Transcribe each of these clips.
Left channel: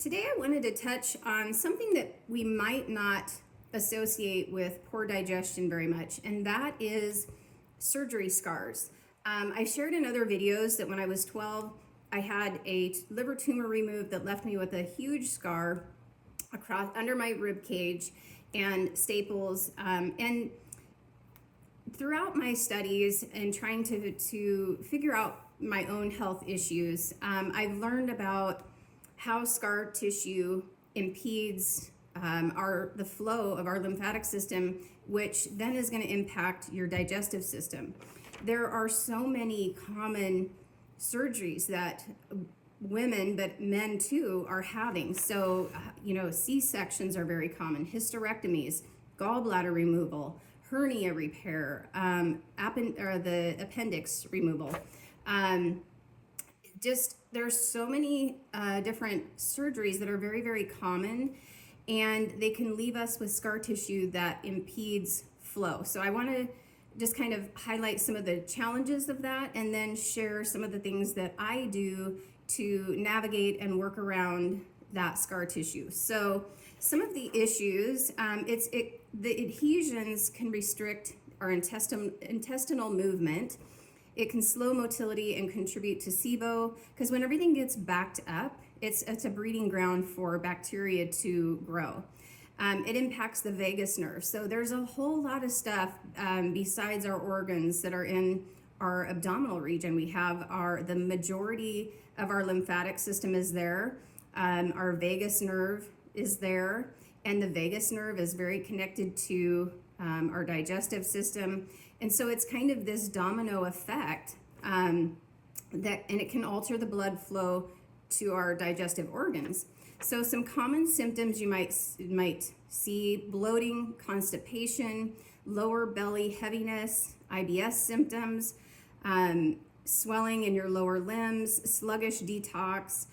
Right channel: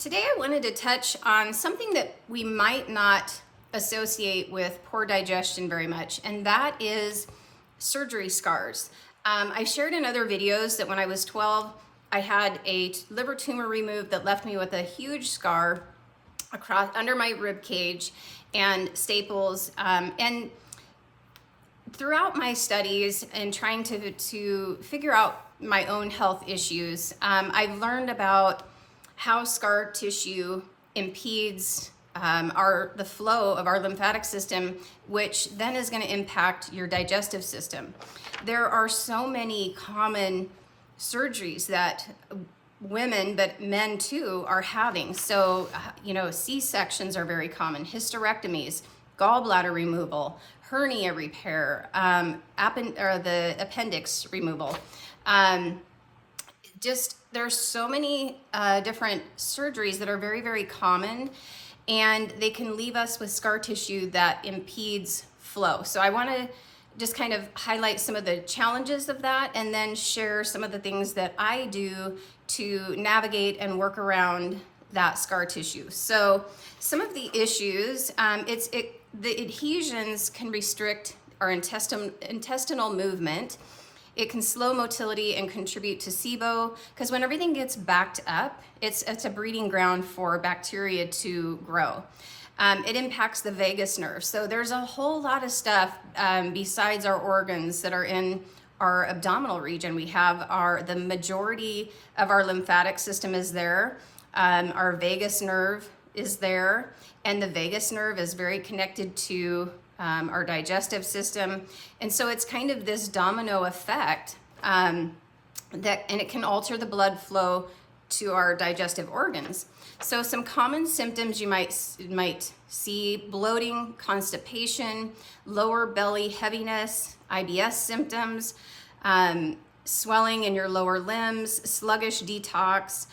Today I wanted to touch on something that we might not associate with poor digestion very much, and that is surgery scars. I shared in other videos that when I was 12, I had a liver tumor removed that left me with a huge scar across under my rib cage and staples. And throughout my studies and trying to figure out my own health issues, I've learned about how scar tissue impedes the flow of our lymphatic system, which then is going to impact your digestive system. There are so many common surgeries that women, but men too, are having. So, C-sections are very common, hysterectomies, gallbladder removal, hernia repair, the appendix removal. There's so many different surgeries that are very, very common, and they can leave us with scar tissue that impedes flow. So I want to just kind of highlight some of the challenges of that and then share some of the things that I do to navigate and work around that scar tissue. So some of the issues, the adhesions can restrict our intestinal movement. It can slow motility and contribute to SIBO, because when everything gets backed up, it's a breeding ground for bacteria to grow. It impacts the vagus nerve. So there's a whole lot of stuff besides our organs that are in our abdominal region. We have the majority of our lymphatic system is there. Our vagus nerve is there, and the vagus nerve is very connected to our digestive system. And so it's kind of this domino effect and it can alter the blood flow to our digestive organs. So some common symptoms you might see: bloating, constipation, lower belly heaviness, IBS symptoms, swelling in your lower limbs, sluggish detox.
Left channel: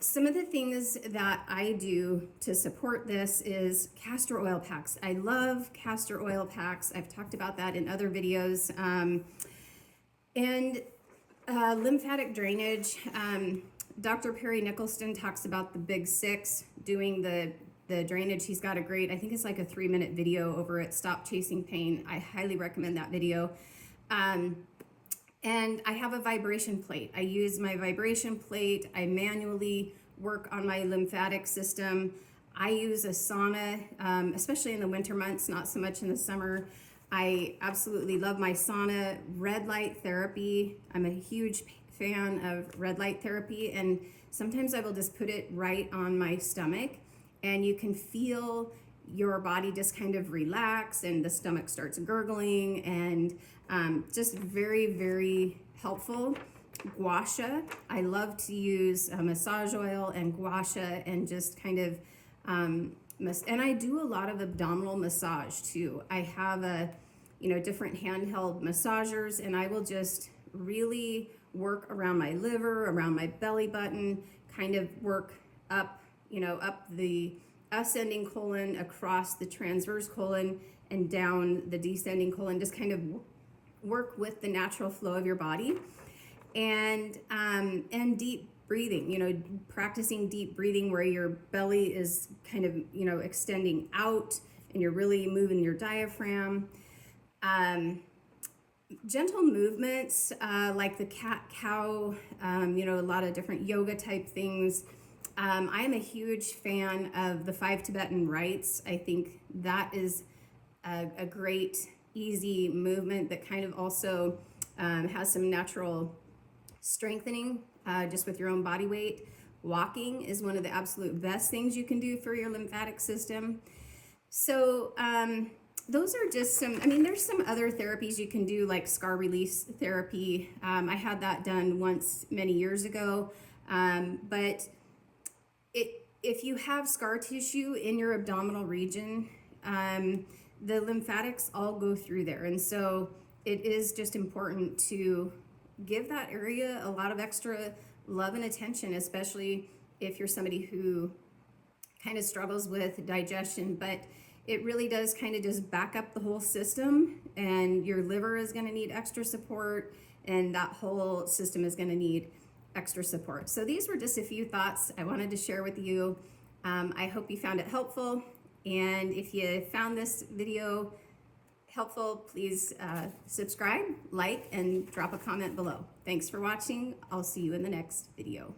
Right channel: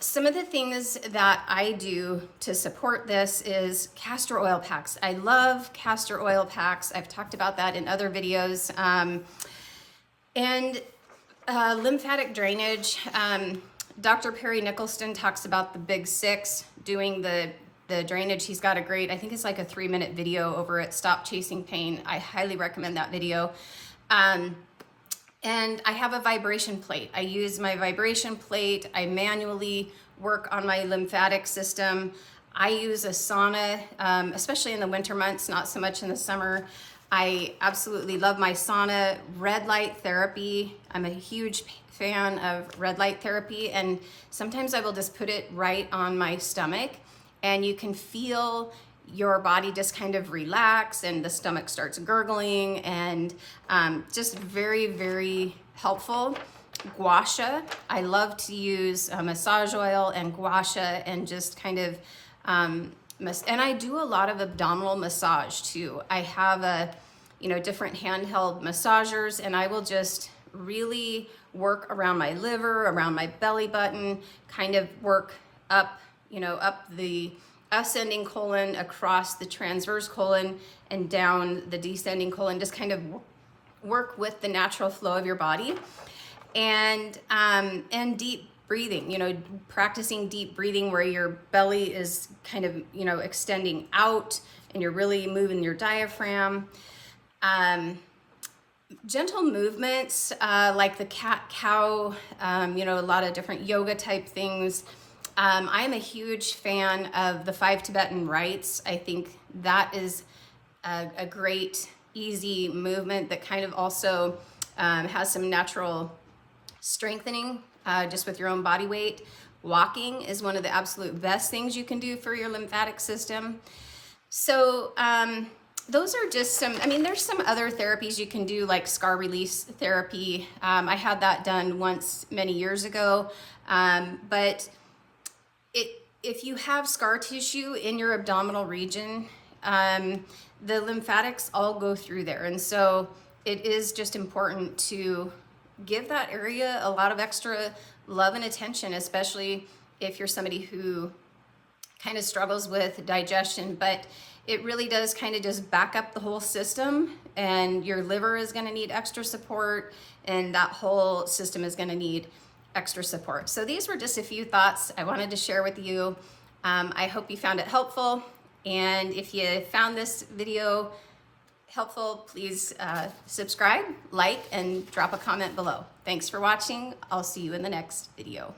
Some of the things that I do to support this is castor oil packs. I love castor oil packs. I've talked about that in other videos. And lymphatic drainage. Dr. Perry Nicholson talks about the big six doing the drainage. He's got a great, I think it's like a 3-minute video over at Stop Chasing Pain. I highly recommend that video. And I have a vibration plate. I use my vibration plate. I manually work on my lymphatic system. I use a sauna, especially in the winter months, not so much in the summer. I absolutely love my sauna. Red light therapy. I'm a huge fan of red light therapy, and sometimes I will just put it right on my stomach, and you can feel your body just kind of relax, and the stomach starts gurgling, and just very, very helpful. Gua sha. I love to use massage oil and gua sha and just kind of, and I do a lot of abdominal massage too. I have different handheld massagers, and I will just really work around my liver, around my belly button, kind of work up, up the ascending colon, across the transverse colon, and down the descending colon. Just kind of work with the natural flow of your body, and deep breathing. Practicing deep breathing where your belly is kind of extending out, and you're really moving your diaphragm. Gentle movements like the cat-cow, a lot of different yoga type things. I am a huge fan of the 5 Tibetan rites. I think that is a great, easy movement that kind of also has some natural strengthening just with your own body weight. Walking is one of the absolute best things you can do for your lymphatic system. So those are just there's some other therapies you can do, like scar release therapy. I had that done once many years ago, but if you have scar tissue in your abdominal region, the lymphatics all go through there. And so it is just important to give that area a lot of extra love and attention, especially if you're somebody who kind of struggles with digestion. But it really does kind of just back up the whole system, and your liver is going to need extra support, and that whole system is going to need extra support. So these were just a few thoughts I wanted to share with you. I hope you found it helpful. And if you found this video helpful, please subscribe, like, and drop a comment below. Thanks for watching. I'll see you in the next video.